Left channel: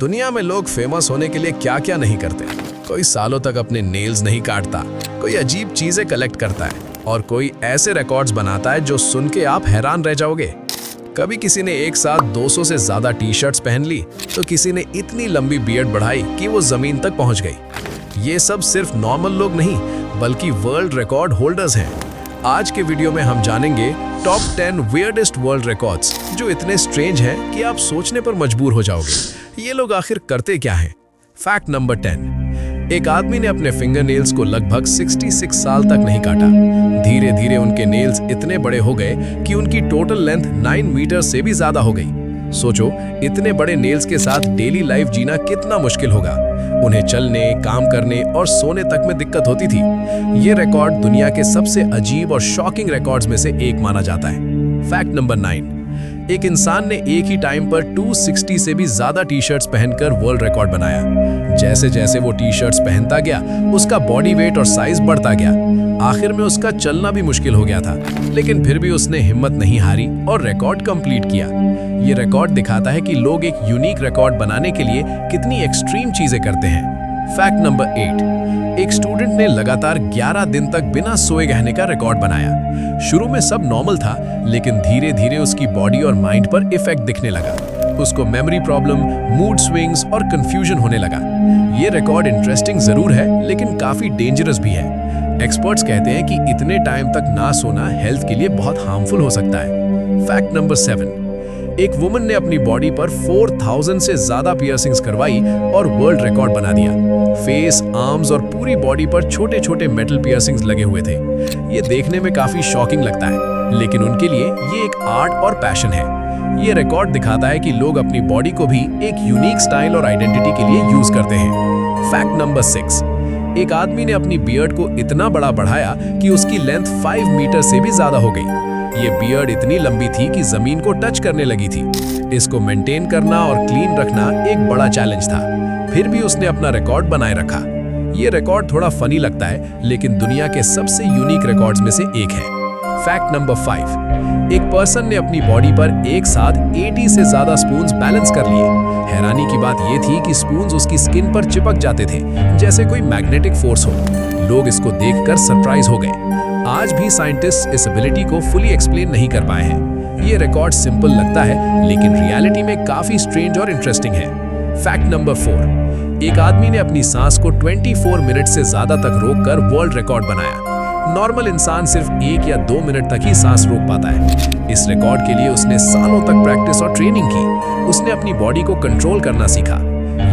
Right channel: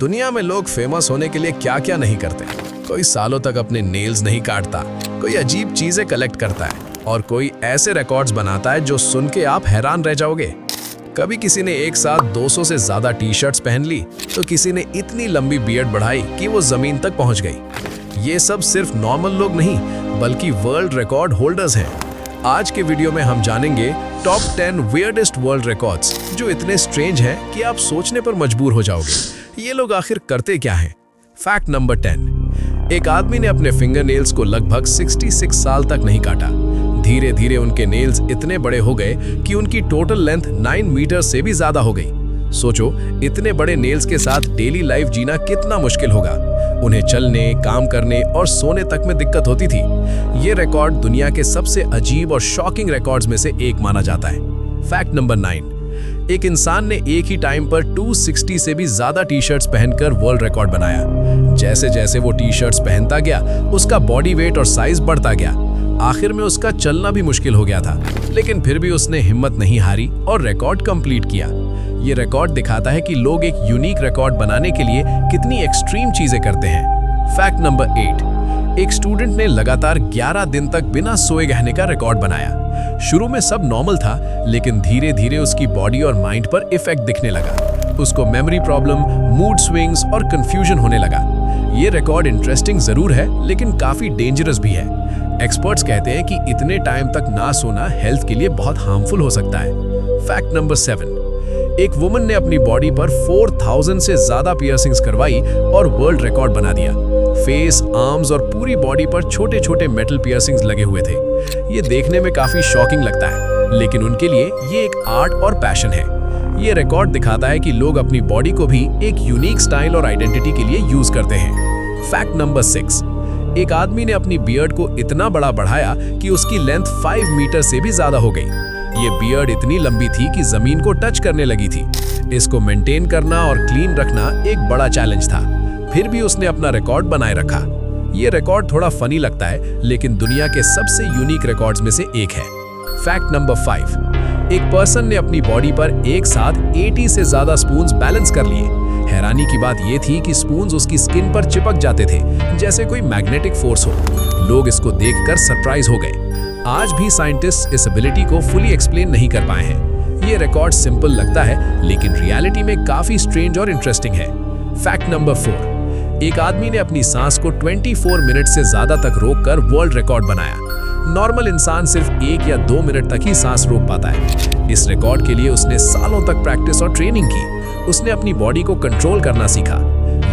दुनिया में लोग फेमस होने के लिए क्या क्या नहीं करते। कोई सालों तक अपने नेल्स नहीं काटता, कोई अजीब चीजें कलेक्ट करता है और कोई ऐसे रिकॉर्ड्स बनाता है जो सुन के आप हैरान रह जाओगे। कभी किसी ने एक साथ 200 से ज्यादा टी-शर्ट्स पहन ली, तो किसी ने इतनी लंबी बियर्ड बढ़ाई कि वो जमीन तक पहुंच गई। ये सब सिर्फ नॉर्मल लोग नहीं, बल्कि वर्ल्ड रिकॉर्ड होल्डर्स हैं। आज के वीडियो में हम जानेंगे टॉप 10 वियर्डेस्ट वर्ल्ड रिकॉर्ड्स, जो इतने स्ट्रेंज हैं कि आप सोचने पर मजबूर हो जाओगे। ये लोग आखिर करते क्या हैं? Fact number 10। एक आदमी ने अपने फिंगर नेल्स को लगभग 66 साल तक नहीं काटा। धीरे धीरे उनके नेल्स इतने बड़े हो गए कि उनकी टोटल लेंथ 9 मीटर से भी ज्यादा हो गई। सोचो, इतने बड़े नेल्स के साथ डेली लाइफ जीना कितना मुश्किल होगा। उन्हें चलने, काम करने और सोने तक में दिक्कत होती थी। ये रिकॉर्ड दुनिया के सबसे अजीब और शॉकिंग रिकॉर्ड्स में से एक माना जाता है। Fact number 9। एक इंसान ने एक ही टाइम पर 260 से भी ज्यादा टी-शर्ट्स पहनकर वर्ल्ड रिकॉर्ड बनाया। जैसे जैसे वो टी-शर्ट्स पहनता गया, उसका बॉडी वेट और साइज बढ़ता गया। आखिर में उसका चलना भी मुश्किल हो गया था, लेकिन फिर भी उसने हिम्मत नहीं हारी और रिकॉर्ड कंप्लीट किया। ये रिकॉर्ड दिखाता है कि लोग एक यूनिक रिकॉर्ड बनाने के लिए कितनी एक्सट्रीम चीजें करते हैं। Fact number 8। एक स्टूडेंट ने लगातार 11 दिन तक बिना सोए रहने का रिकॉर्ड बनाया। शुरू में सब नॉर्मल था, लेकिन धीरे धीरे उसकी बॉडी और माइंड पर इफेक्ट दिखने लगा। उसको मेमोरी प्रॉब्लम, मूड स्विंग्स और कंफ्यूजन होने लगा। ये रिकॉर्ड इंटरेस्टिंग जरूर है, लेकिन काफी डेंजरस भी है। एक्सपर्ट्स कहते हैं कि इतने टाइम तक ना सोना हेल्थ के लिए बहुत हार्मफुल हो सकता है। Fact number 7। एक वुमन ने अपनी बॉडी पर 4000 से ज्यादा पियर्सिंग्स करवाई और वर्ल्ड रिकॉर्ड बना दिया। फेस, आर्म्स और पूरी बॉडी पर छोटे छोटे मेटल पियर्सिंग्स लगे हुए थे। ये देखने में काफी शॉकिंग लगता है, लेकिन उनके लिए ये एक आर्ट और पैशन है। ये रिकॉर्ड दिखाता है कि लोग अपनी बॉडी को भी एक यूनिक स्टाइल और आइडेंटिटी के लिए यूज करते हैं। Fact number 6। एक आदमी ने अपनी बियर्ड को इतना बड़ा बढ़ाया कि उसकी लेंथ 5 मीटर से भी ज्यादा हो गई। ये बियर्ड इतनी लंबी थी कि जमीन को टच करने लगी थी। इसको मेंटेन करना और क्लीन रखना एक बड़ा चैलेंज था। फिर भी उसने अपना रिकॉर्ड बनाए रखा। ये रिकॉर्ड थोड़ा फनी लगता है, लेकिन दुनिया के सबसे यूनिक रिकॉर्ड्स में से एक है। Fact number 5। एक पर्सन ने अपनी बॉडी पर एक साथ 80 से ज्यादा स्पून्स बैलेंस कर लिए। हैरानी की बात यह थी कि स्पून्स उसकी स्किन पर चिपक जाते थे, जैसे कोई मैग्नेटिक फोर्स हो। लोग इसको देखकर सरप्राइज हो गए। आज भी साइंटिस्ट इस एबिलिटी को फुली एक्सप्लेन नहीं कर पाए हैं। ये रिकॉर्ड सिंपल लगता है, लेकिन रियलिटी में काफी स्ट्रेंज और इंटरेस्टिंग है। Fact number 4। एक आदमी ने अपनी सांस को 24 मिनट से ज्यादा तक रोककर वर्ल्ड रिकॉर्ड बनाया। नॉर्मल इंसान सिर्फ 1 या 2 मिनट तक ही सांस रोक पाता है। इस रिकॉर्ड के लिए उसने सालों तक प्रैक्टिस और ट्रेनिंग की। उसने अपनी बॉडी को कंट्रोल करना सीखा।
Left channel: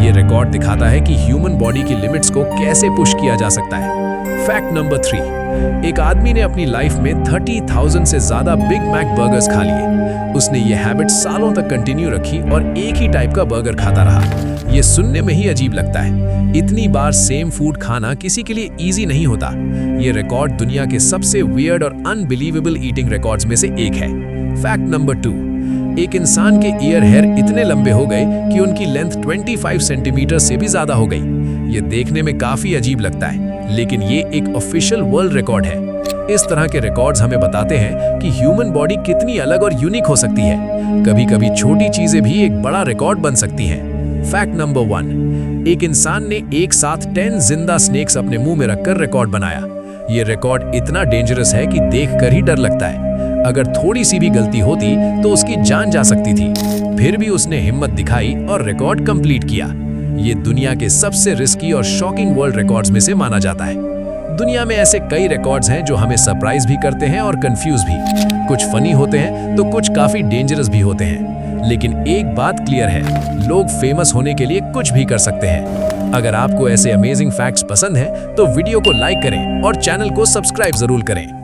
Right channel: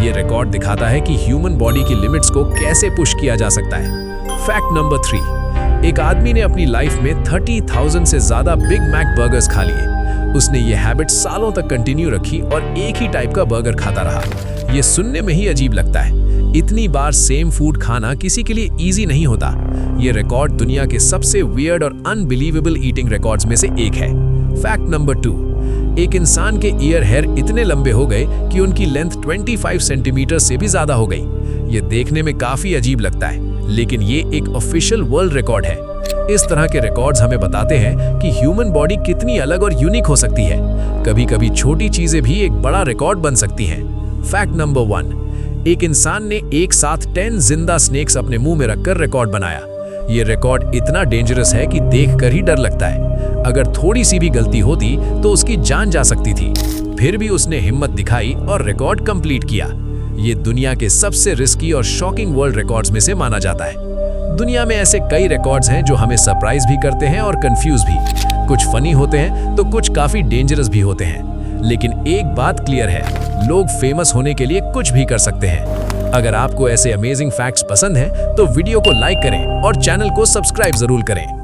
ये रिकॉर्ड दिखाता है कि ह्यूमन बॉडी की लिमिट्स को कैसे पुश किया जा सकता है। Fact number 3। एक आदमी ने अपनी लाइफ में 30,000 से ज्यादा बिग मैक बर्गर्स खा लिए। उसने ये हैबिट सालों तक कंटिन्यू रखी और एक ही टाइप का बर्गर खाता रहा। ये सुनने में ही अजीब लगता है। इतनी बार सेम फूड खाना किसी के लिए इजी नहीं होता। ये रिकॉर्ड दुनिया के सबसे वियर्ड और अनबिलीवेबल ईटिंग रिकॉर्ड्स में से एक है। Fact number 2। एक इंसान के ईयर हेयर इतने लंबे हो गए कि उनकी लेंथ 25 सेंटीमीटर से भी ज्यादा हो गई। ये देखने में काफी अजीब लगता है, लेकिन ये एक ऑफिशियल वर्ल्ड रिकॉर्ड है। इस तरह के रिकॉर्ड्स हमें बताते हैं कि ह्यूमन बॉडी कितनी अलग और यूनिक हो सकती है। कभी-कभी छोटी चीजें भी एक बड़ा रिकॉर्ड बन सकती हैं। Fact number 1। एक इंसान ने एक साथ 10 जिंदा स्नेक्स अपने मुंह में रखकर रिकॉर्ड बनाया। ये रिकॉर्ड इतना डेंजरस है कि देखकर ही डर लगता है। अगर थोड़ी सी भी गलती होती तो उसकी जान जा सकती थी। फिर भी उसने हिम्मत दिखाई और रिकॉर्ड कंप्लीट किया। ये दुनिया के सबसे रिस्की और शॉकिंग वर्ल्ड रिकॉर्ड्स में से माना जाता है। दुनिया में ऐसे कई रिकॉर्ड्स हैं जो हमें सरप्राइज भी करते हैं और कंफ्यूज भी। कुछ फनी होते हैं तो कुछ काफी डेंजरस भी होते हैं। लेकिन एक बात क्लियर है, लोग फेमस होने के लिए कुछ भी कर सकते हैं। अगर आपको ऐसे अमेजिंग फैक्ट्स पसंद हैं, तो वीडियो को लाइक करें और चैनल को सब्सक्राइब जरूर करें।